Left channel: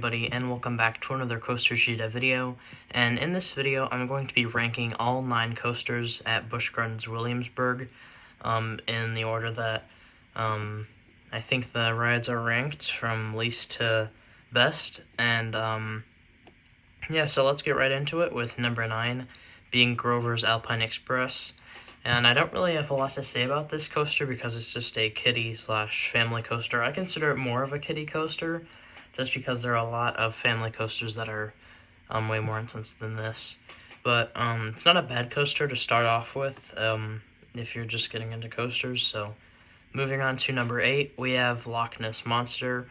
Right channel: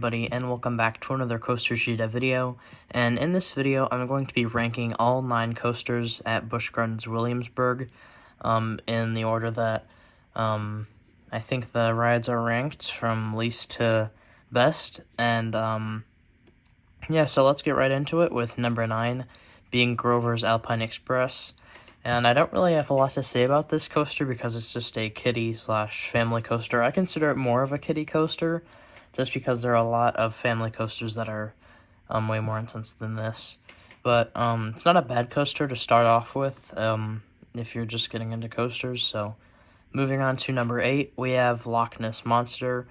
everybody, and welcome back to another Coaster Sheet video. And in this video, I'm going to be ranking all 9 coasters at Busch Gardens Williamsburg in the order that I think the rides are ranked from least to best. And yeah, so let's get right into it with number 9 being Grover's Alpine Express. And I don't really have a lot to say about this coaster because it's just a kiddie/family coaster. I consider it more of a kiddie coaster just because there are a lot of family coasters that are way more intense than this. But it's not a bad coaster to start off with if you're just getting into coasters. So moving on to number 8, we have Loch Ness Monster.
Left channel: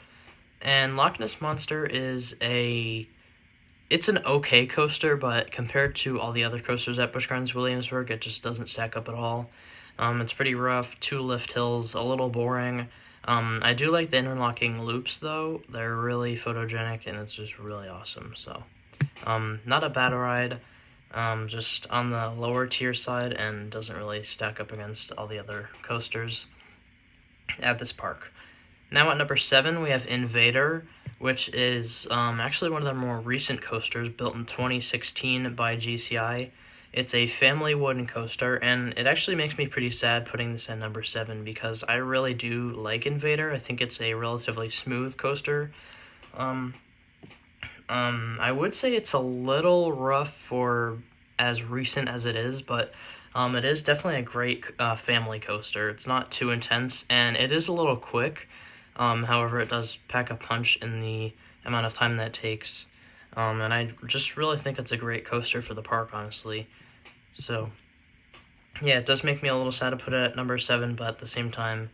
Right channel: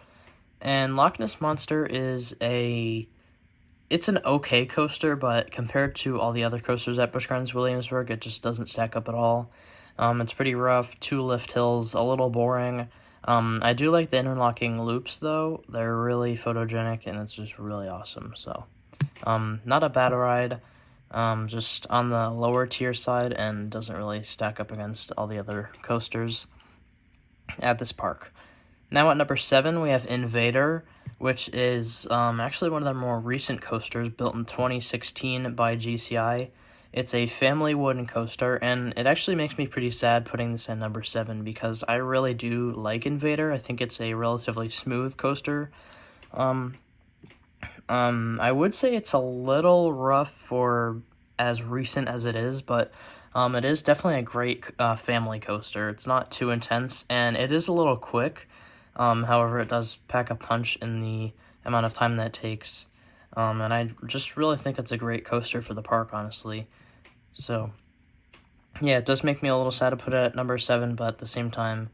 And Loch Ness Monster is it's an okay coaster, but compared to all the other coasters at Busch Gardens Williamsburg, it just doesn't stack up at all. It's pretty rough, 2 lift hills, a little boring. I do like the interlocking loops, though. They're really photogenic, and it's just really awesome. So, not a bad ride, just on the lower tier side, and doesn't really stack up against all the other coasters at this park. Now at number 7, we have Invader, which is actually one of their more recent coasters, built in 2016 by GCI. It's a family wooden coaster, and it actually makes me pretty sad putting this at number 7 because I really do like Invader. I think it's a relatively smooth coaster. I would say it's a little rough for as recent as it is, but it is definitely a great family coaster. It's not too intense, and it is a little quick. However, it does pack a punch in the amount of time that it takes. And I just really think it's a great coaster for the park, honestly. So, yeah, it does make me a little sad to put it at number 7, but at the same time,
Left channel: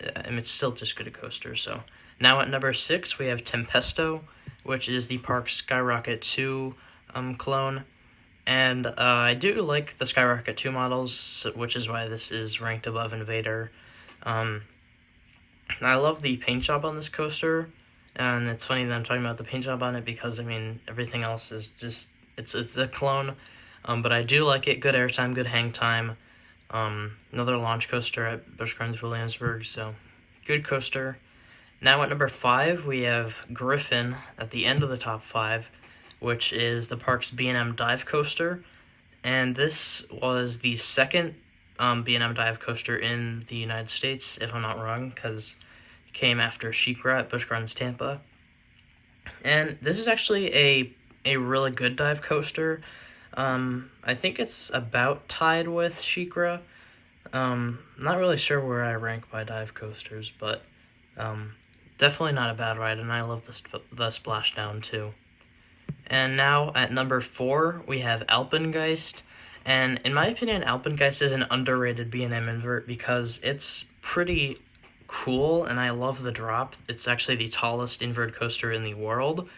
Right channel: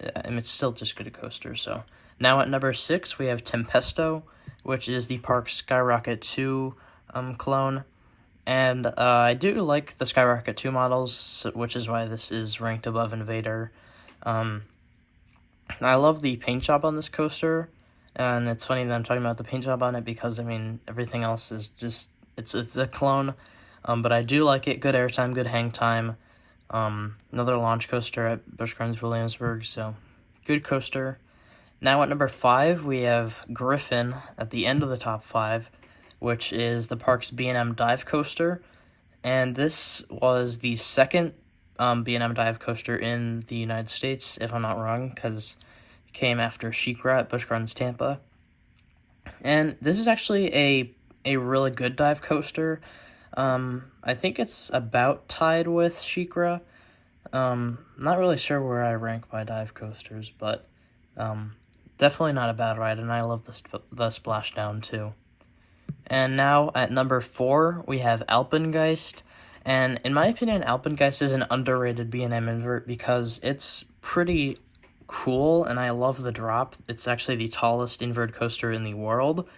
it's still just good a coaster. So, now at number 6, we have Tempesto, which is the park's Skyrocket 2 clone. And I do like the Skyrocket 2 models, which is why this is ranked above Invader. I love the paint job on this coaster, and it's funny that I'm talking about the paint job on it because, I mean, everything else is just, it's a clone, but I do like it. Good airtime, good hang time. Another launch coaster at Busch Gardens Williamsburg, so good coaster. Now at number 5, we have Griffin at the end of the top 5, which is the park's B&M dive coaster, and this was the second B&M dive coaster in the United States, if I'm not wrong, because it came after SheiKra at Busch Gardens Tampa. And this is actually a really good dive coaster. I think it's about tied with SheiKra. Not really sure where I rank by dive coasters, but definitely not a bad ride, and I love the splashdown too. And now at number 4, we have Alpinegeist. And in my opinion, Alpinegeist is an underrated B&M invert because it's pretty cool, and I love the drop. It's actually the tallest invert coaster in the world,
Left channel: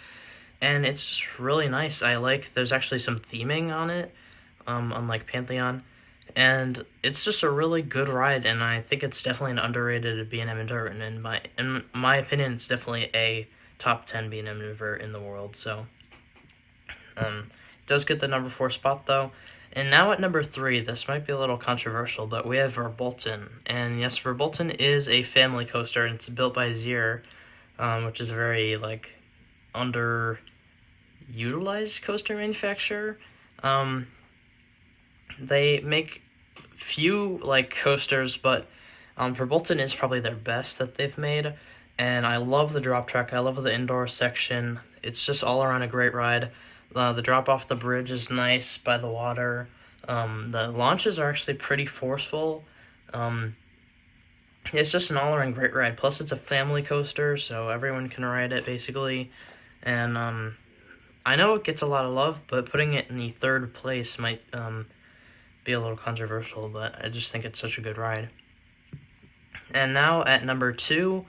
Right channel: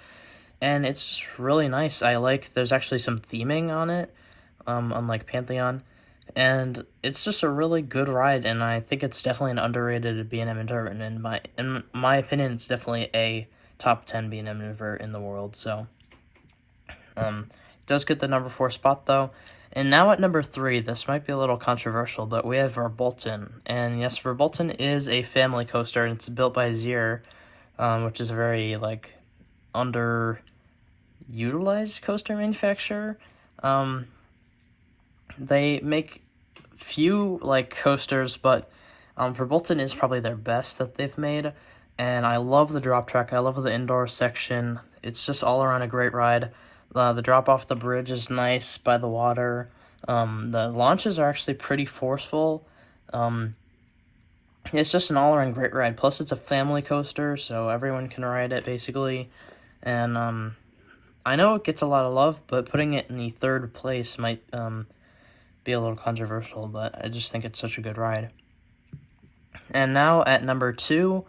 and it's just really nice. There's actually some theming on it, unlike Pantheon, and it's just a really good ride, and I think it's definitely an underrated B&M invert, and in my opinion, it's definitely a top 10 B&M invert in the world, so it does get the number 4 spot, though. And now at number 3, this might be a little controversial, but we have Bolton. And yes, Bolton is a family coaster, and it's built by Zier, which is a very, underutilized coaster manufacturer. They make few, coasters, but Bolton is probably their best that they've made. And I love the drop track. I love the indoor section. It's just all around a great ride. The drop off the bridge is nice by the water. The launches are actually pretty forceful. It's just an all-around great ride. Plus, it's a family coaster, so everyone can ride it, basically. And I know it gets a lot of love, but putting it in the 3rd place might be a little controversial, but I just think it's such a good ride. And now at number 2,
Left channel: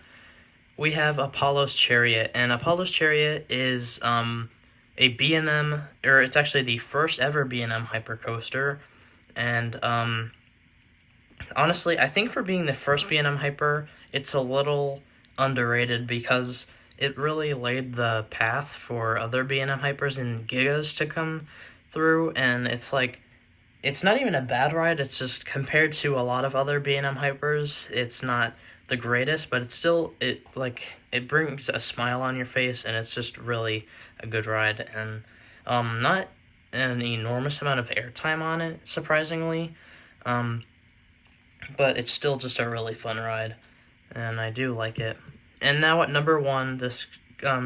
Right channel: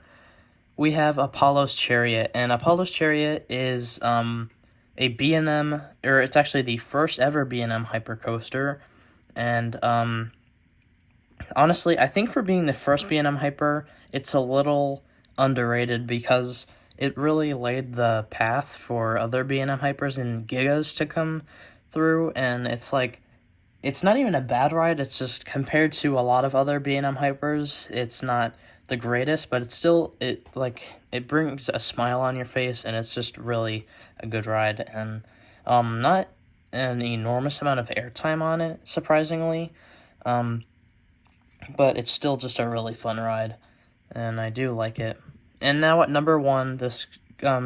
we have Apollo's Chariot. And Apollo's Chariot is a B&M, or it's actually the first ever B&M hypercoaster, and honestly, I think for being the first B&M hyper, it's a little underrated because it really laid the path for other B&M hypers and Gigas to come through, and it's not even a bad ride. It's just compared to a lot of other B&M hypers, it's not the greatest, but it's still, it brings a smile on your face, and it's just really a good ride, and not an enormous amount of airtime on it, surprisingly, but it's still just a really fun ride, and I do like it. And now at number 1, this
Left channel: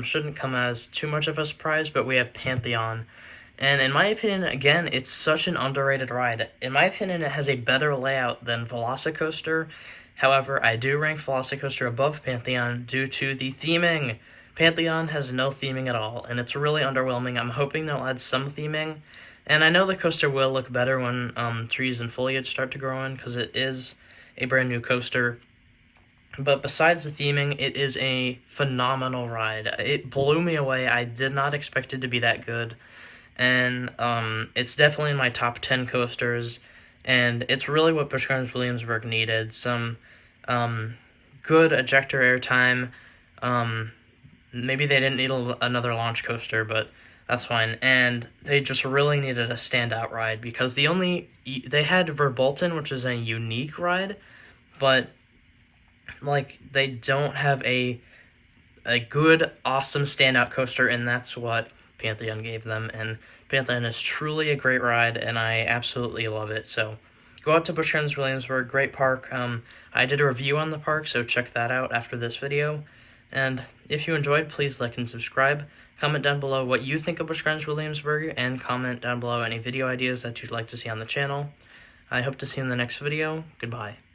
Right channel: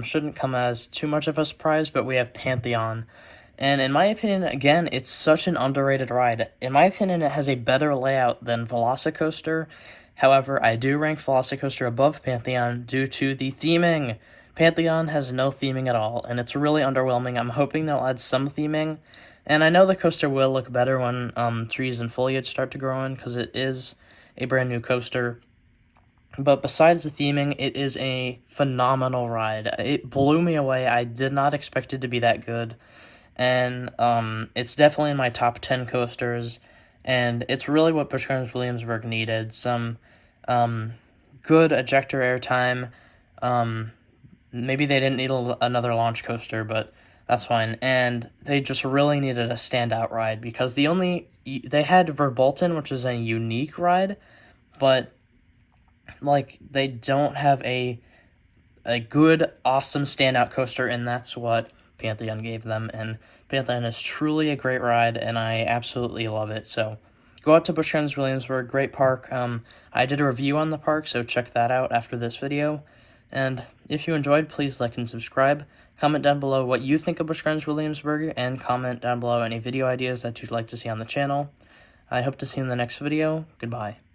shouldn't come as too much of a surprise, but we have Pantheon. And in my opinion, again, it's such an underrated ride. In my opinion, it has a better layout than Velocicoaster. However, I do rank Velocicoaster above Pantheon due to the theming. Pantheon has no theming at all, and it's really underwhelming. I'm hoping they'll add some theming. And I know the coaster will look better when trees and foliage start to grow in, because it is a brand new coaster. But besides the theming, it is a phenomenal ride. It blew me away. I did not expect it to be that good. And it's definitely in my top 10 coasters. And it's really what Busch Williamsburg needed. Some good ejector airtime. Maybe they didn't need another launch coaster, but that's fine. And they just really needed a standout ride, because they had Bolton, which is a unique ride, but they don't have a good, awesome standout coaster, and that's what Pantheon gave them. And Pantheon is truly a great ride, and I absolutely love it. So go out to Busch Williamsburg, great park. I did a review on the park, so check that out after this video. And if you enjoyed, please like and subscribe. Comment down below what you think of Busch Williamsburg, and comment down below any video ideas that you'd like to see on the channel. I hope to see you in the next video. Goodbye.